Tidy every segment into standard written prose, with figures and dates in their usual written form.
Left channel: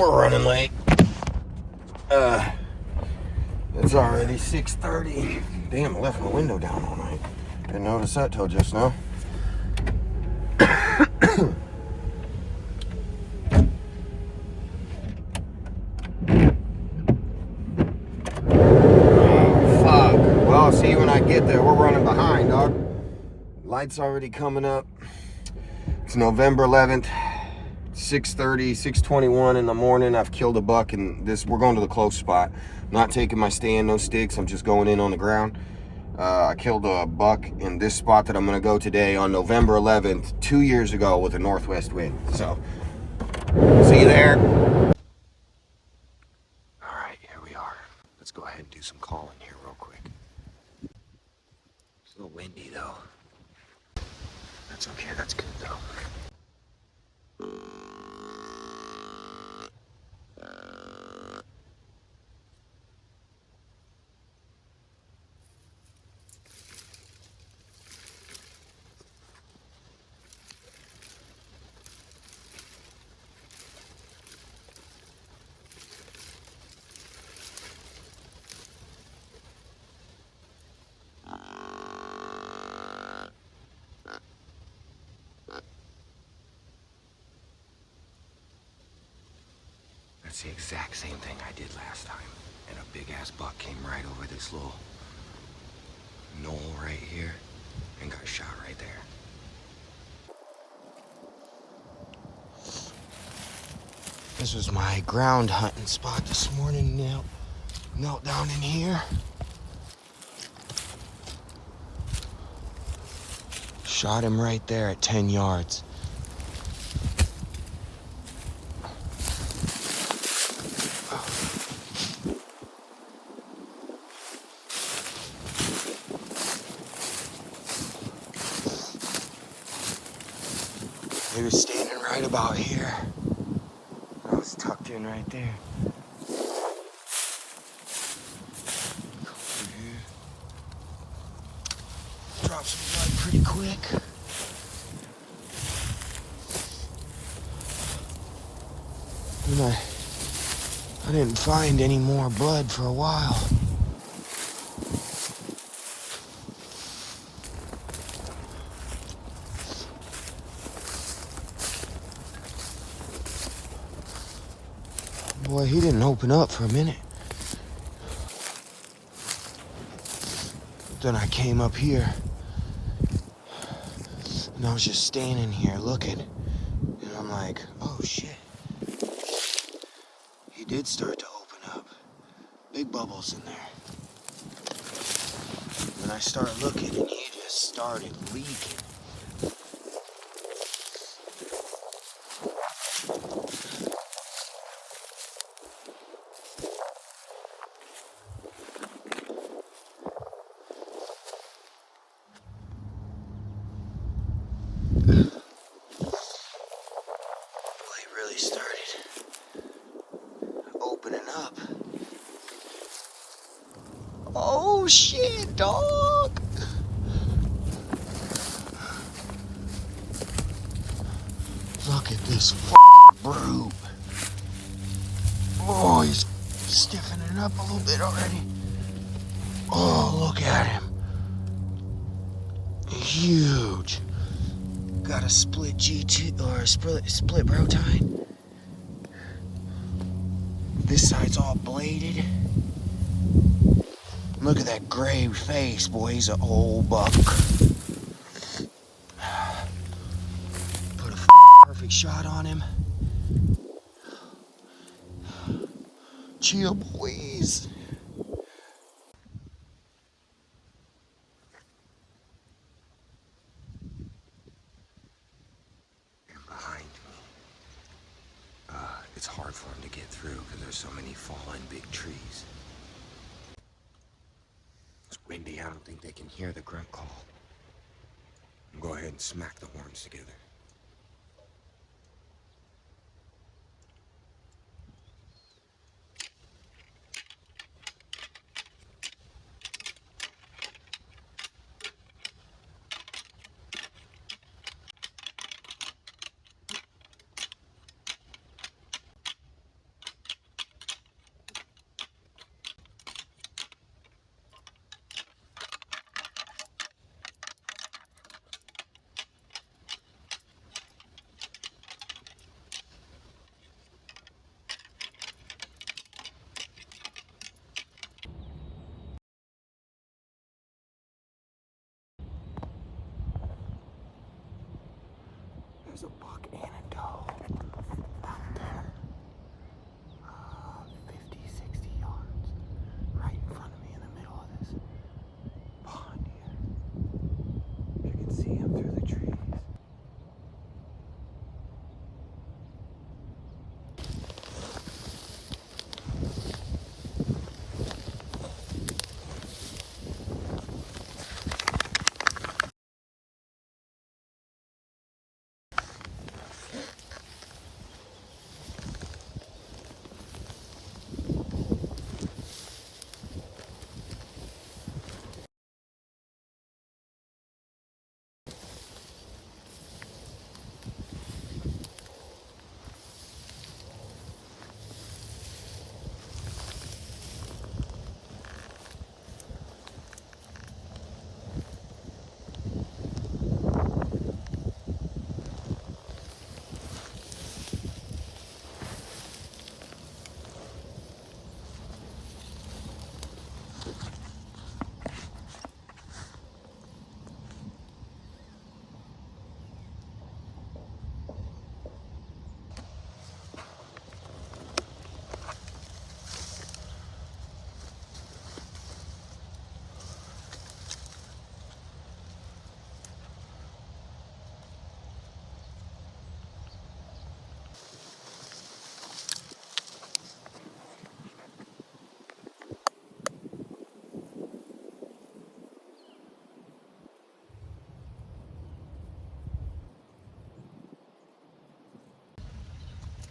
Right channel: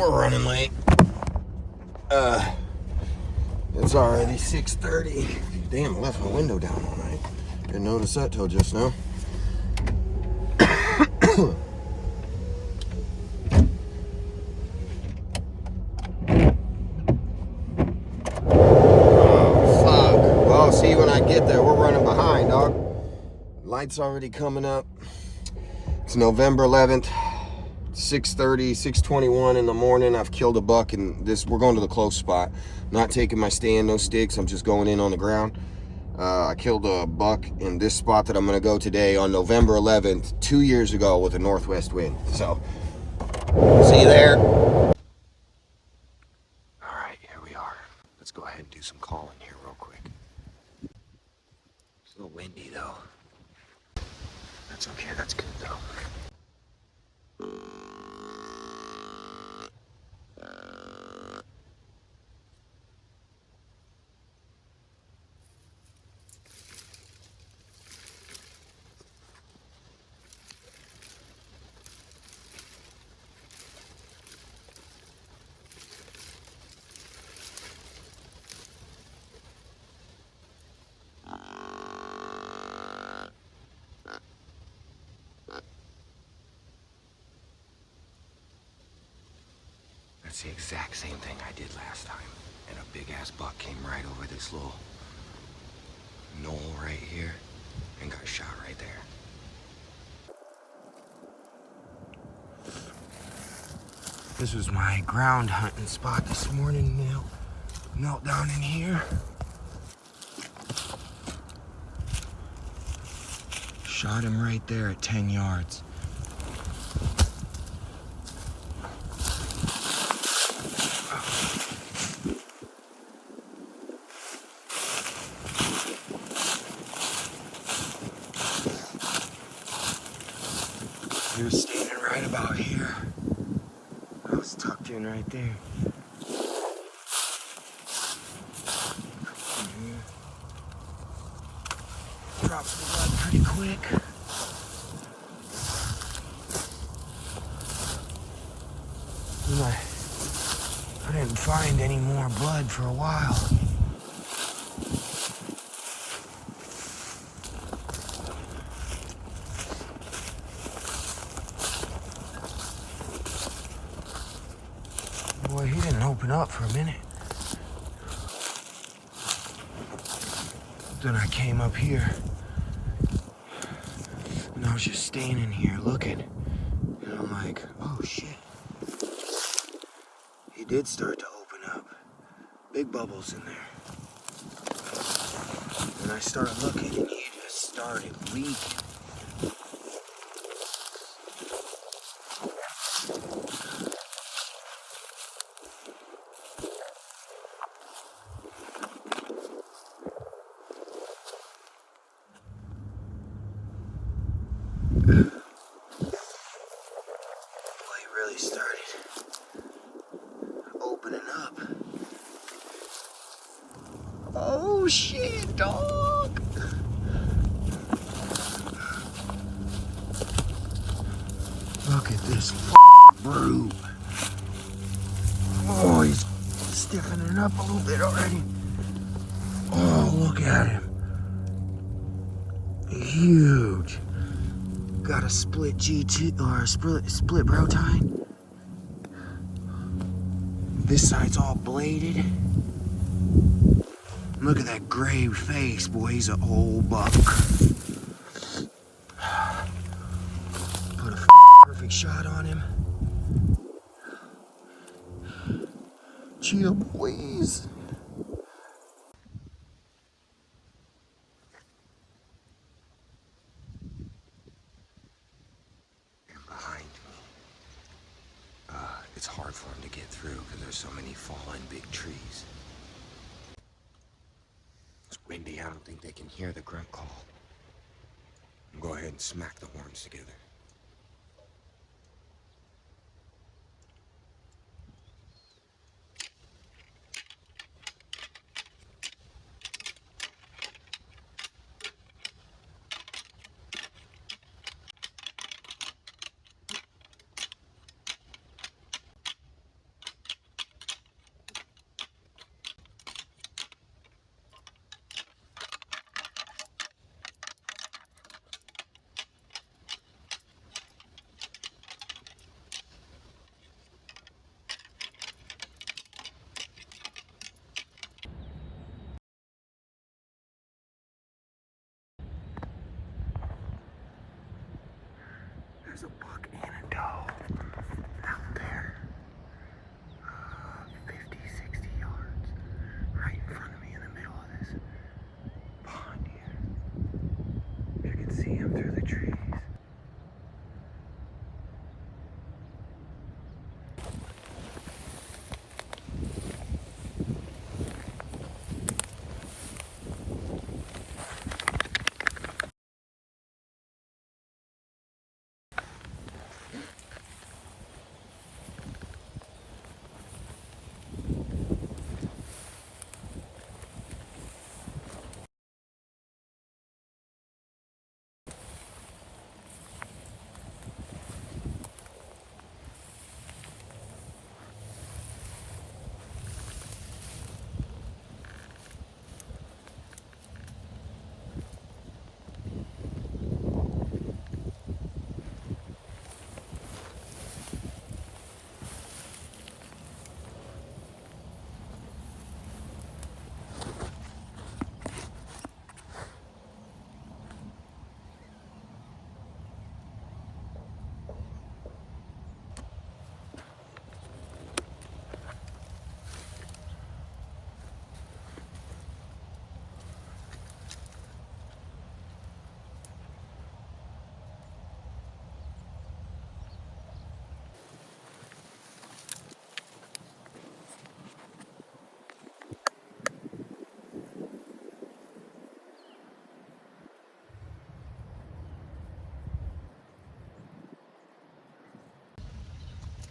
We're running late. It's already 6:30. Damn, I left my window down all night. Didn't notice that till just now. Oh, fuck. Well, I'll see you when I get there. We're running behind, dog. Light's already coming up. It's November 11th. 6:30, 6:21 in the morning. I've killed a buck, and we're going to the close spot. Not taking my stand, no sticks. I'm just going in on the ground. I killed a buck in this spot that I'm going to go today on November 11th, 2 years ago with a northwest wind. So, see you there. All right, here we are. Let's go ahead and do some calling here real quick. It's a little windy though. That's okay, that's good though. That's the exact same thing I did last time. And a big ass buck came right over this little knoll right here and got shot right there. This was my ground hunting spot this morning. Now, knelt down in here. Shot him right there at 10 yards. He was standing right about here. I was tucked in right there. Come here. Drop some blood pretty quick. I didn't find any more blood for a while. Boy, he didn't open up for a minute. Then I came up here, and I was just standing here looking, and I'm like, oh shit. He did start to open up. Big bubbles in there. And I started looking, and he just started leaking. Started opening up. Oh shit, dog! Look at this brute. Oh, he's stiffening up a little bit already. Oh, look at him. Huge. Got a split G2 or a split brow tine. This side's all bladed. Look at that gray face, boy. He's an old buck. Put a perfect shot on him. Chill, boys. And behind me, it's hard for him to get through because there's so many fallen big trees. It's windy. I don't think they can hear the grunt call. I'll go ahead and smack the horns together. There's a buck and a doe out there. 50, 60 yards. Right in front of me in the middle of this pond here. You can see him through the trees.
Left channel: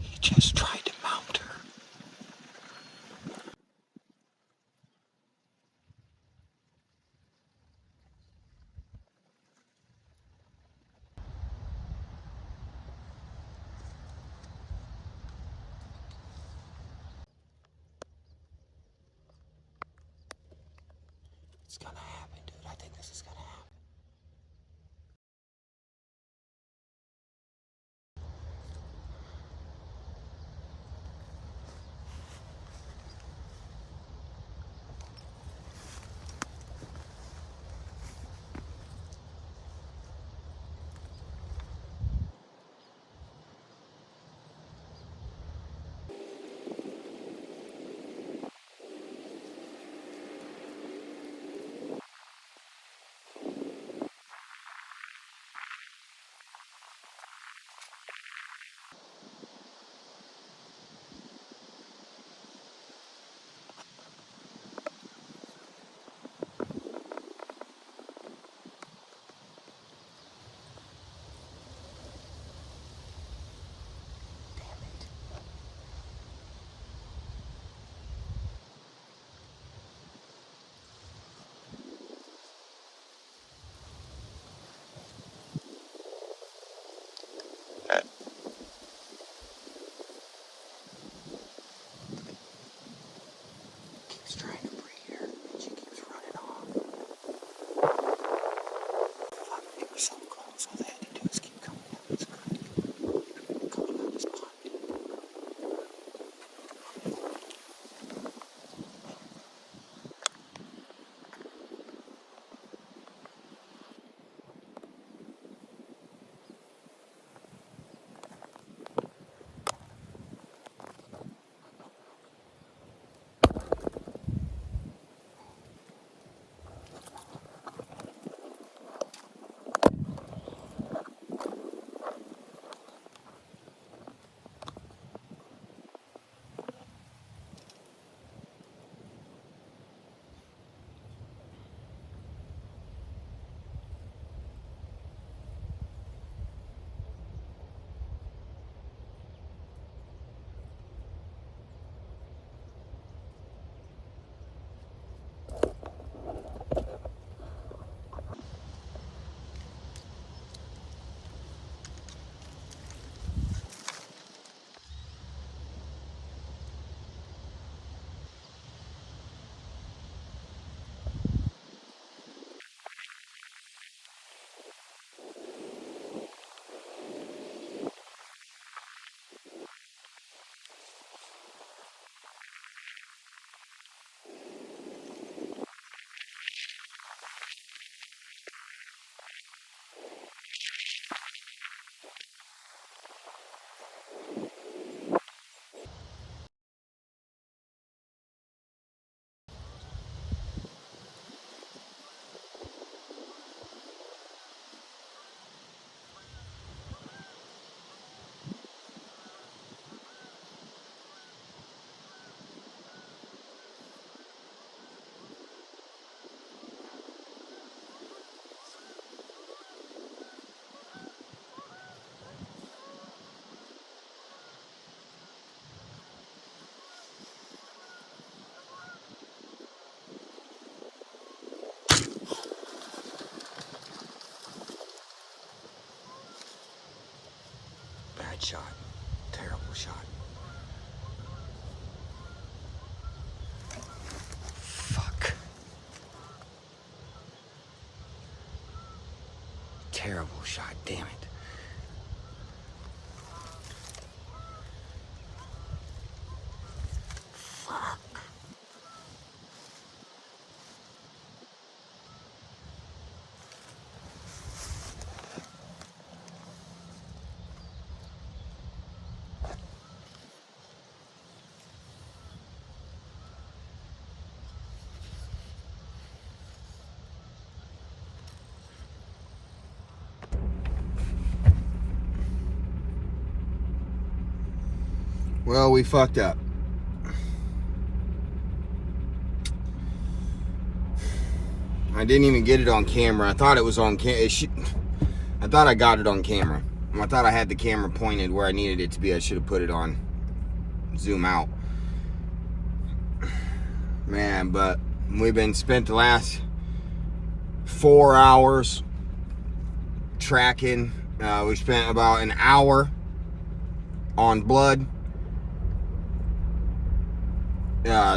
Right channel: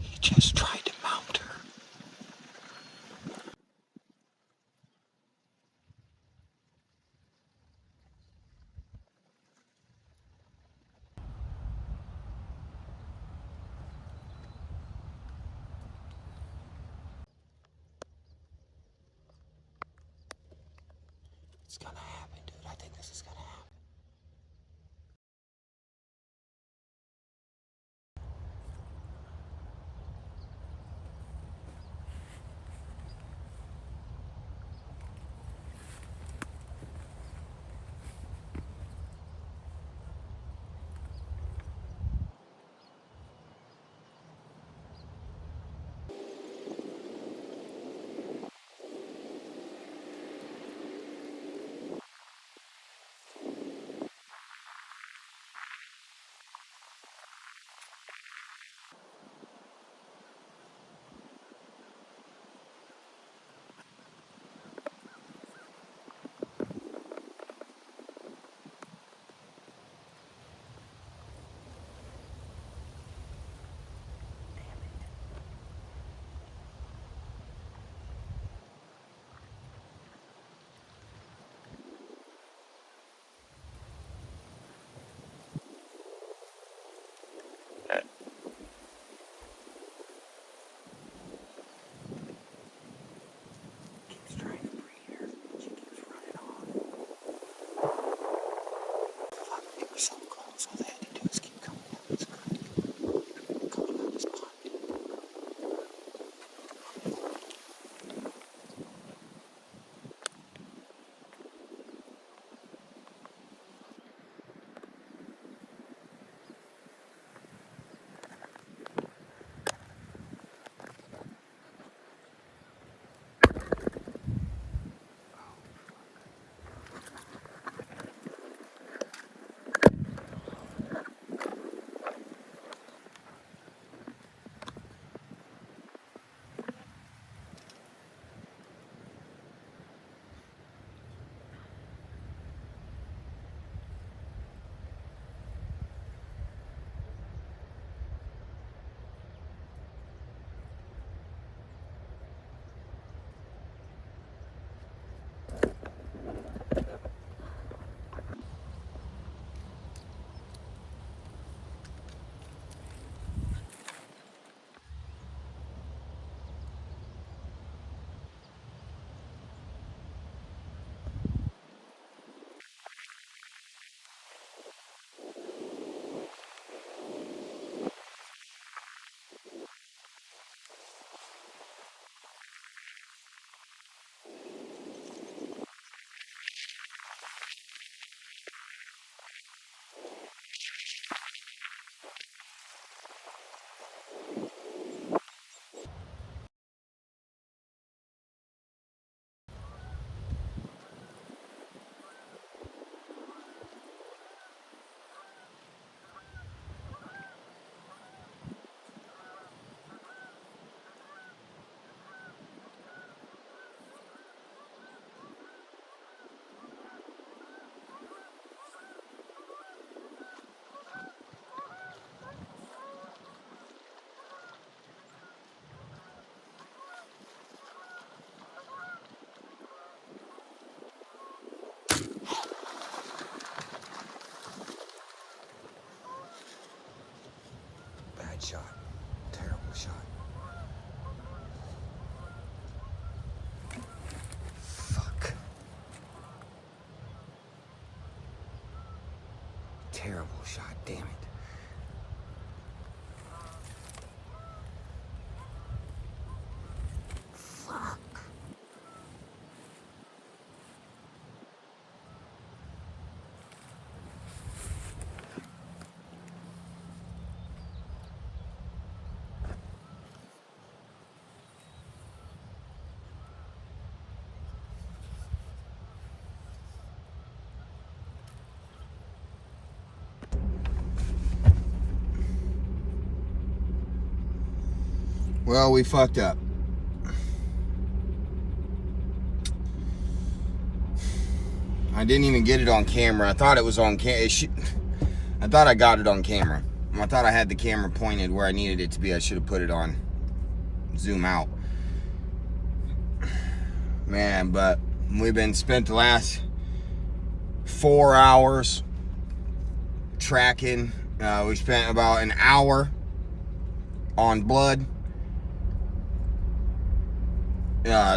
He just tried to mount her. It's gonna happen, dude. I think this is gonna happen. Bad shot. Terrible shot. Fuck. Terrible shot, damn it. Well, we fucked up. I didn't even get it on camera. I thought it was on I thought I got it on camera. I thought I had the camera pointed where I needed it to be. I should have put it on zoom out. Man, but we've been spent the last 4 hours tracking. We spent about an hour on Blood.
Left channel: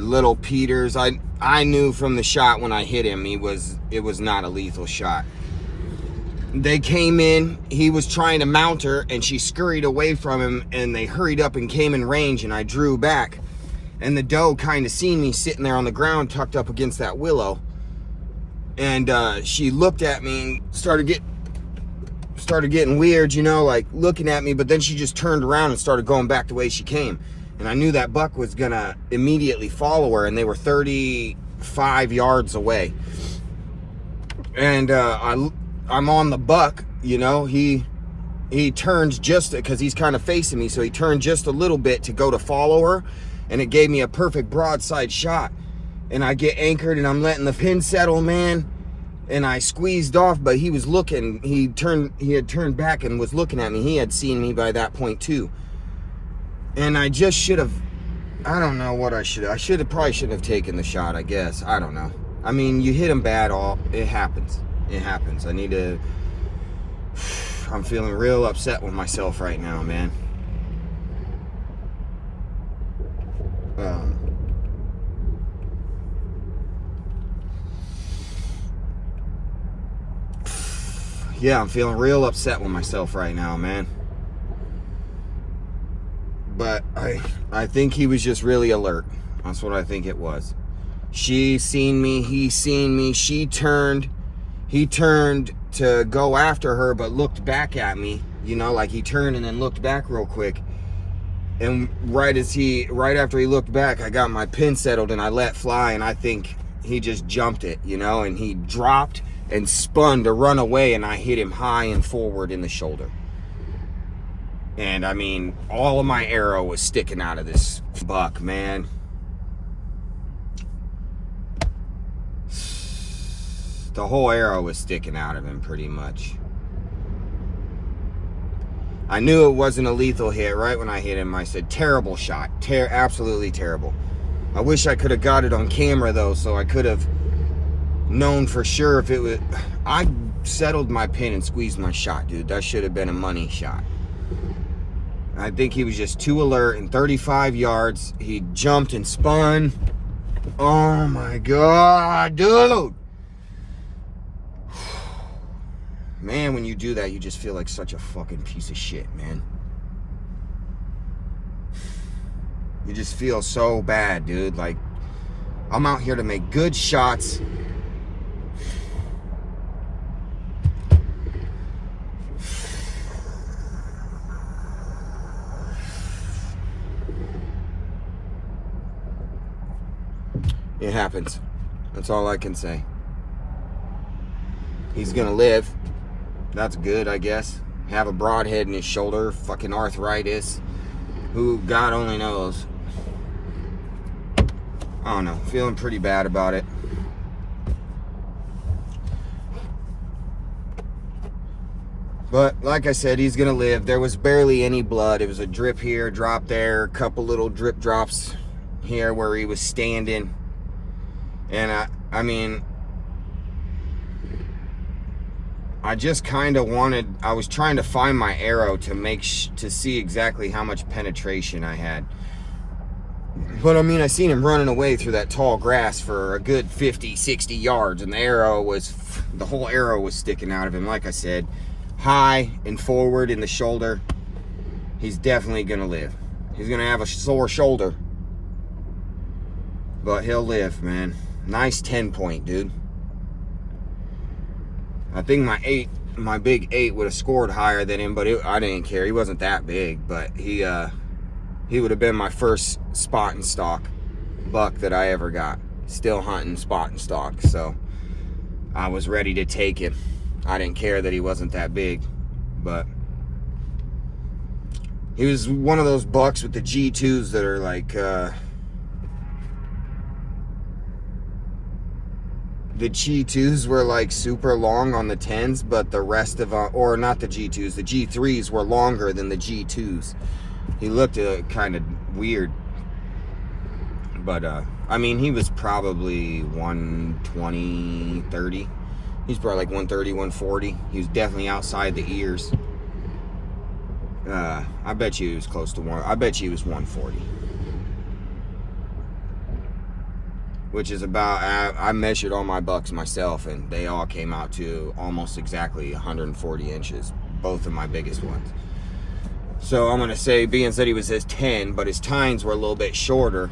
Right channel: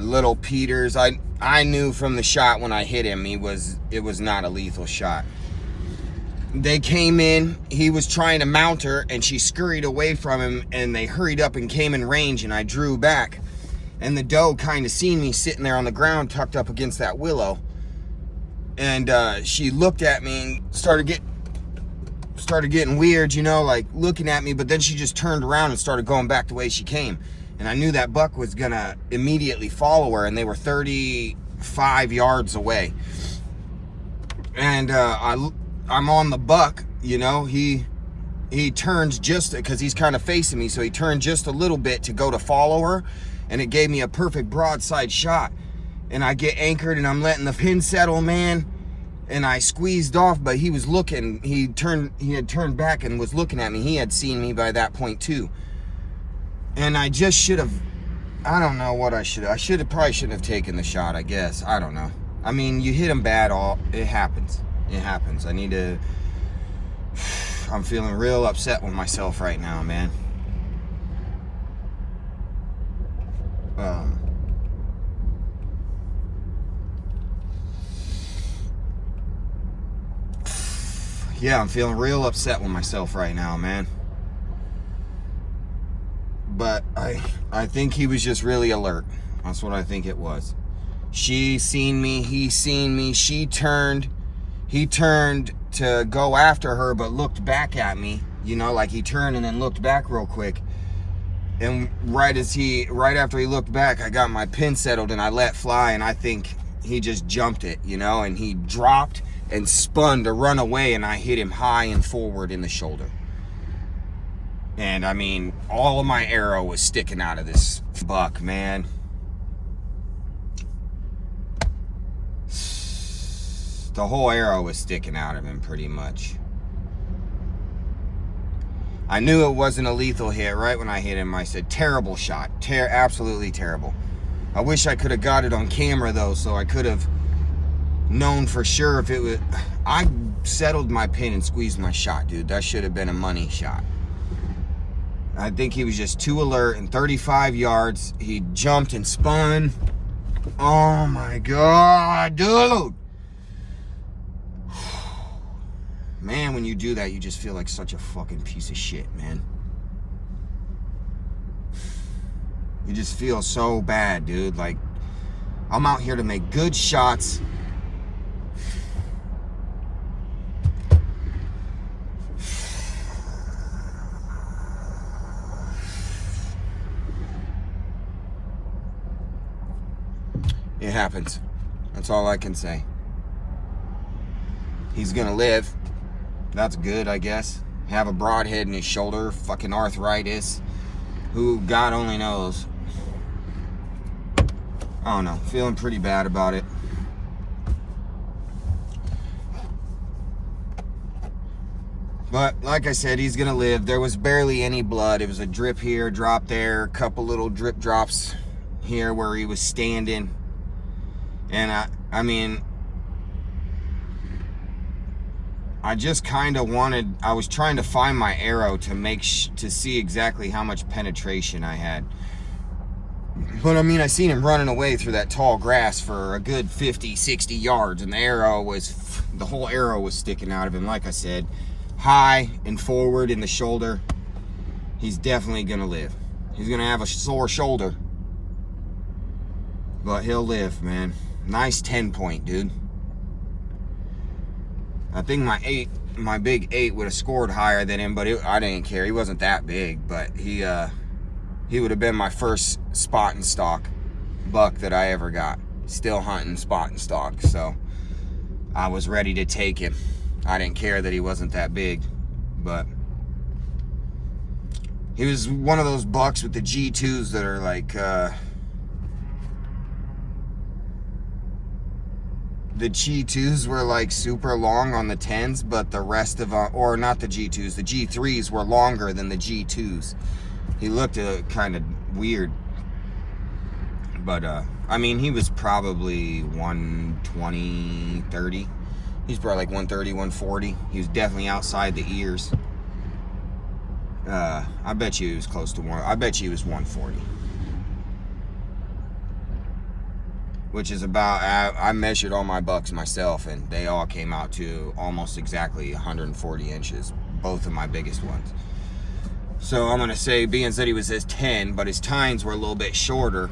Little Peters, I knew from the shot when I hit him, it was not a lethal shot. They came in, he was trying to mount her, and she scurried away from him, and they hurried up and came in range, and I drew back. And the doe kind of seen me sitting there on the ground, tucked up against that willow. And she looked at me and started getting weird, you know, like looking at me, but then she just turned around and started going back the way she came. And I knew that buck was gonna immediately follow her, and they were 35 yards away. And I'm on the buck, you know, he turns just, because he's kind of facing me, so he turned just a little bit to go to follow her, and it gave me a perfect broadside shot. And I get anchored, and I'm letting the pin settle, man, and I squeezed off, but he was looking, he had turned back and was looking at me. He had seen me by that point too. And I just should have, I don't know what I should have. Probably shouldn't have taken the shot, I guess. I don't know. I mean, you hit him bad, it happens. It happens. I'm feeling real upset with myself right now, man. Yeah, I'm feeling real upset with myself right now, man. But I think he was just really alert. That's what I think it was. She seen me, he seen me, he turned to go after her, but looked back at me, you know, like he turned and then looked back real quick. And right after he looked back, I got my pin settled and I let fly, and I think he just jumped it, you know, and he dropped and spun to run away, and I hit him high and forward in the shoulder. And I mean, all of my arrow was sticking out of this buck, man. The whole arrow was sticking out of him pretty much. I knew it wasn't a lethal hit right when I hit him. I said, terrible shot. Absolutely terrible. I wish I could have got it on camera though, so I could have known for sure if it was. I settled my pin and squeezed my shot, dude. That should have been a money shot. I think he was just too alert. In 35 yards, he jumped and spun. Oh my God, dude. Man, when you do that, you just feel like such a fucking piece of shit, man. You just feel so bad, dude. Like, I'm out here to make good shots. It happens. That's all I can say. He's gonna live. That's good, I guess. Have a broadhead in his shoulder, fucking arthritis. Who God only knows. I don't know. Feeling pretty bad about it. But like I said, he's gonna live. There was barely any blood. It was a drip here, drop there, a couple little drip drops here where he was standing. And I mean, I just kind of I was trying to find my arrow to to see exactly how much penetration I had. But I mean, I seen him running away through that tall grass for a good 50, 60 yards, and the whole arrow was sticking out of him. Like I said, high and forward in the shoulder. He's definitely gonna live. He's gonna have a sore shoulder, but he'll live, man. Nice 10-point, dude. I think my big 8 would have scored higher than him, but I didn't care. He wasn't that big, but he would have been my first spot and stock buck that I ever got. Still hunting spot and stock, so I was ready to take him. I didn't care that he wasn't that big, but he was one of those bucks with the G2s that are like, the G2s were like super long on the 10s, but the rest of them, or not the G2s, the G3s were longer than the G2s. He looked kind of weird, but I mean, he was probably 120, 30. He's probably like 130, 140. He was definitely outside the ears. I bet you he was close to I bet you he was 140. Which is about, I measured all my bucks myself, and they all came out to almost exactly 140 inches. Both of my biggest ones. So I'm going to say, being that he was his 10, but his tines were a little bit shorter,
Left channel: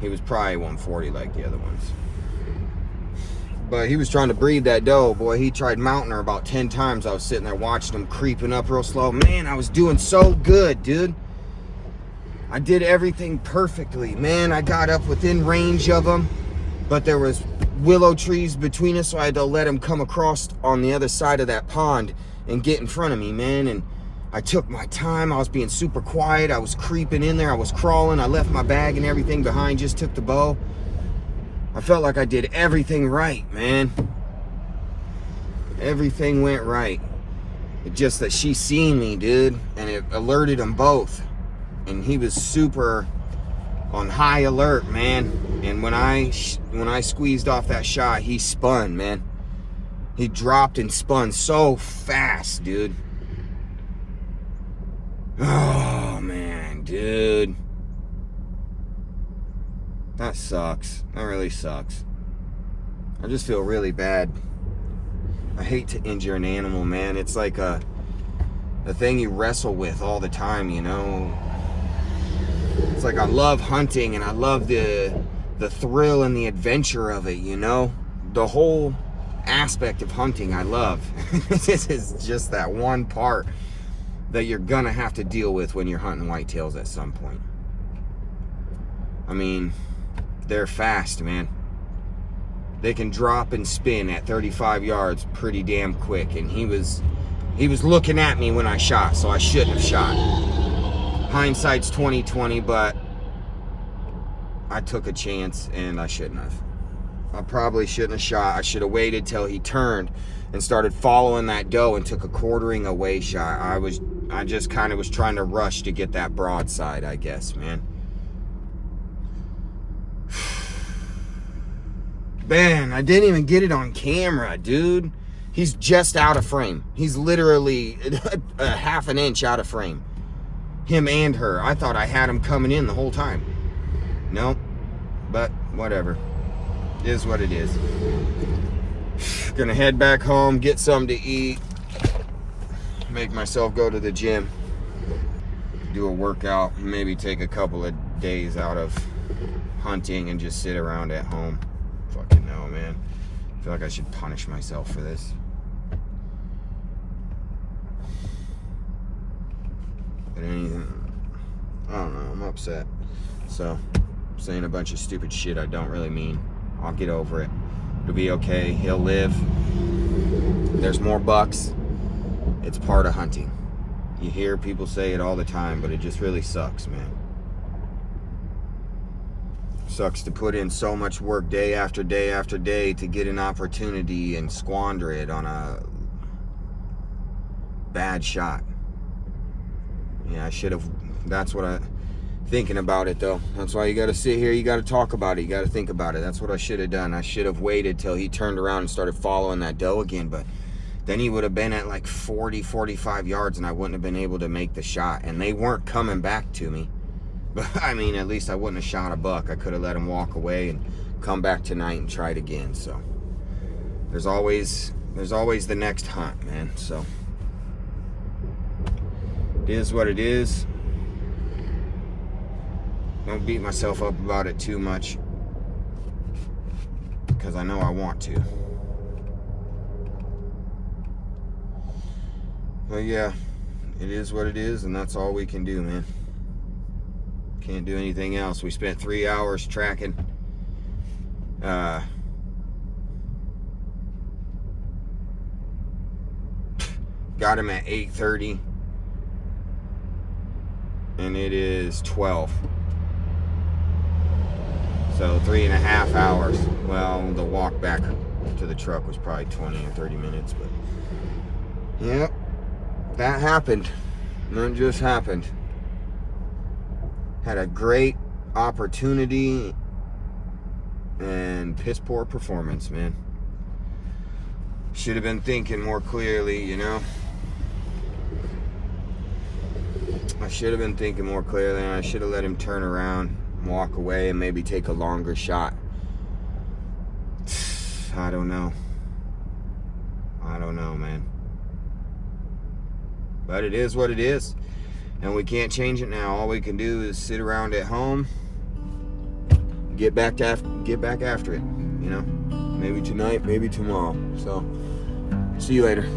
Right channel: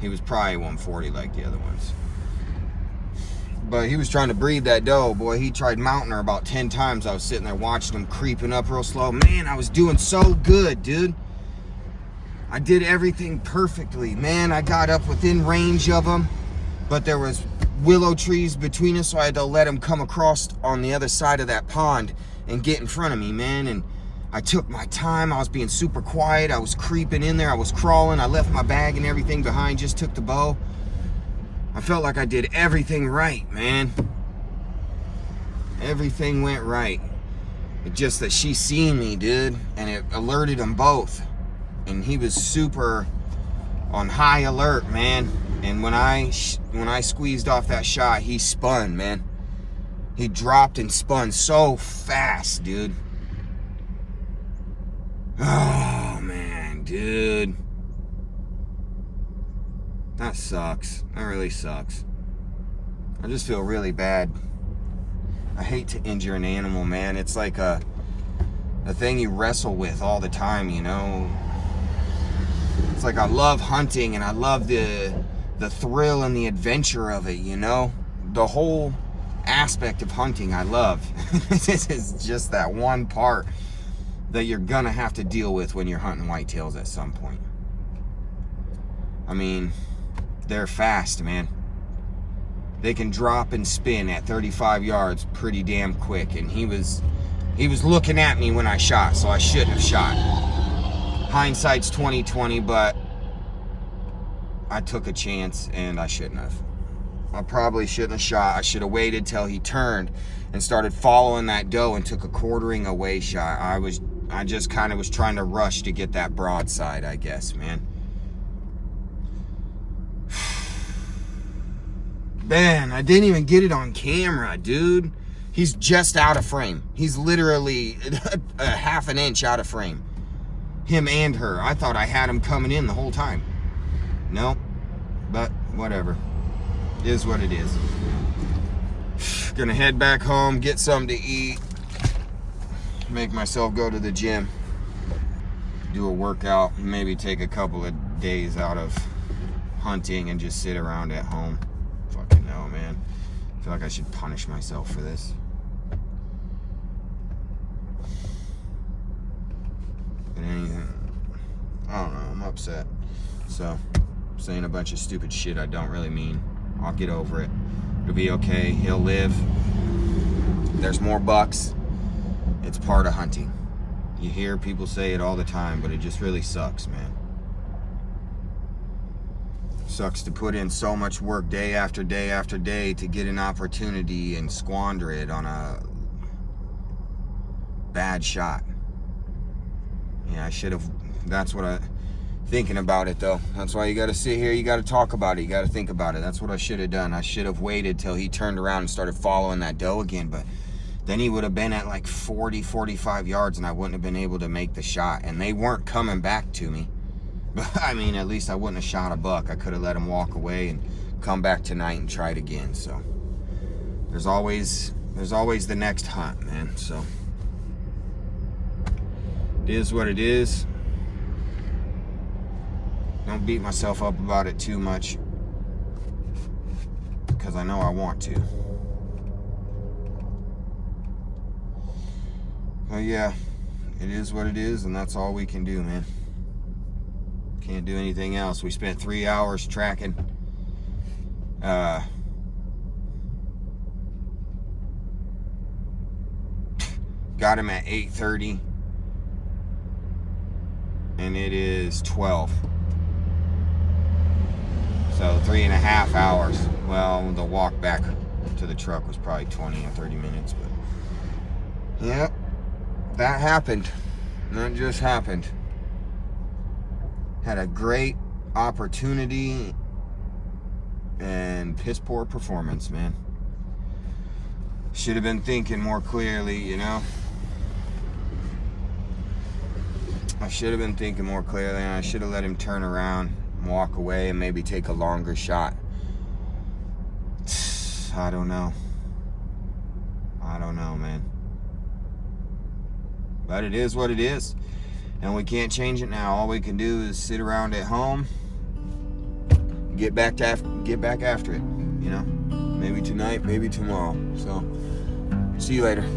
he was probably 140 like the other ones. But he was trying to breed that doe, boy. He tried mounting her about 10 times. I was sitting there watching him creeping up real slow. Man, I was doing so good, dude. I did everything perfectly. Man, I got up within range of him, but there was willow trees between us, so I had to let him come across on the other side of that pond and get in front of me, man. And I took my time. I was being super quiet. I was creeping in there. I was crawling. I left my bag and everything behind, just took the bow. I felt like I did everything right, man. Everything went right. It's just that she seen me, dude, and it alerted them both. And he was super on high alert, man. And when I squeezed off that shot, he spun, man. He dropped and spun so fast, dude. Oh, man, dude. That sucks. That really sucks. I just feel really bad. I hate to injure an animal, man. It's like a thing you wrestle with all the time, you know. It's like I love hunting and I love the thrill and the adventure of it, you know. The whole aspect of hunting I love. This is just that one part that you're gonna have to deal with when you're hunting whitetails at some point. I mean, they're fast, man. They can drop and spin at 35 yards pretty damn quick, and he was looking at me when I shot, so I shouldn't have shot. Hindsight's 20/20, but I took a chance and I shouldn't have. I probably shouldn't have shot. I should have waited till he turned and started following that doe and took a quartering away shot. I just kind of was trying to rush to get that broadside, I guess, man. Man, I didn't even get it on camera, dude. He's just out of frame. He's literally a half an inch out of frame. Him and her. I thought I had him coming in the whole time. No, but whatever. It is what it is. Gonna head back home, get something to eat, make myself go to the gym, do a workout, maybe take a couple of days out of hunting and just sit around at home. Fucking no, man. I feel like I should punish myself for this. But anything, I don't know, I'm upset. So, saying a bunch of stupid shit I don't really mean. I'll get over it. It'll be okay. He'll live. There's more bucks. It's part of hunting. You hear people say it all the time, but it just really sucks, man. Sucks to put in so much work day after day after day to get an opportunity and squander it on a bad shot. Yeah, I should have. That's what thinking about it though. That's why you got to sit here. You got to talk about it. You got to think about it. That's what I should have done. I should have waited till he turned around and started following that doe again. But then he would have been at like 40, 45 yards, and I wouldn't have been able to make the shot. And they weren't coming back to me. But, I mean, at least I wouldn't have shot a buck. I could have let him walk away and come back tonight and try it again. So, there's always the next hunt, man. So, it is what it is. Don't beat myself up about it too much, because I know I want to. But yeah, it is what it is, and that's all we can do, man. Can't do anything else. We spent 3 hours tracking. Got him at 8:30, and it is 12. So 3.5 hours. Well, the walk back to the truck was probably 20 or 30 minutes, but yep, that happened. That just happened. Had a great opportunity and piss poor performance, man. Should have been thinking more clearly, you know. I should have been thinking more clearly, and I should have let him turn around, walk away, and maybe take a longer shot. I don't know. I don't know, man. But it is what it is, and we can't change it now. All we can do is sit around at home, get back after it, you know. Maybe tonight, maybe tomorrow. So, see you later.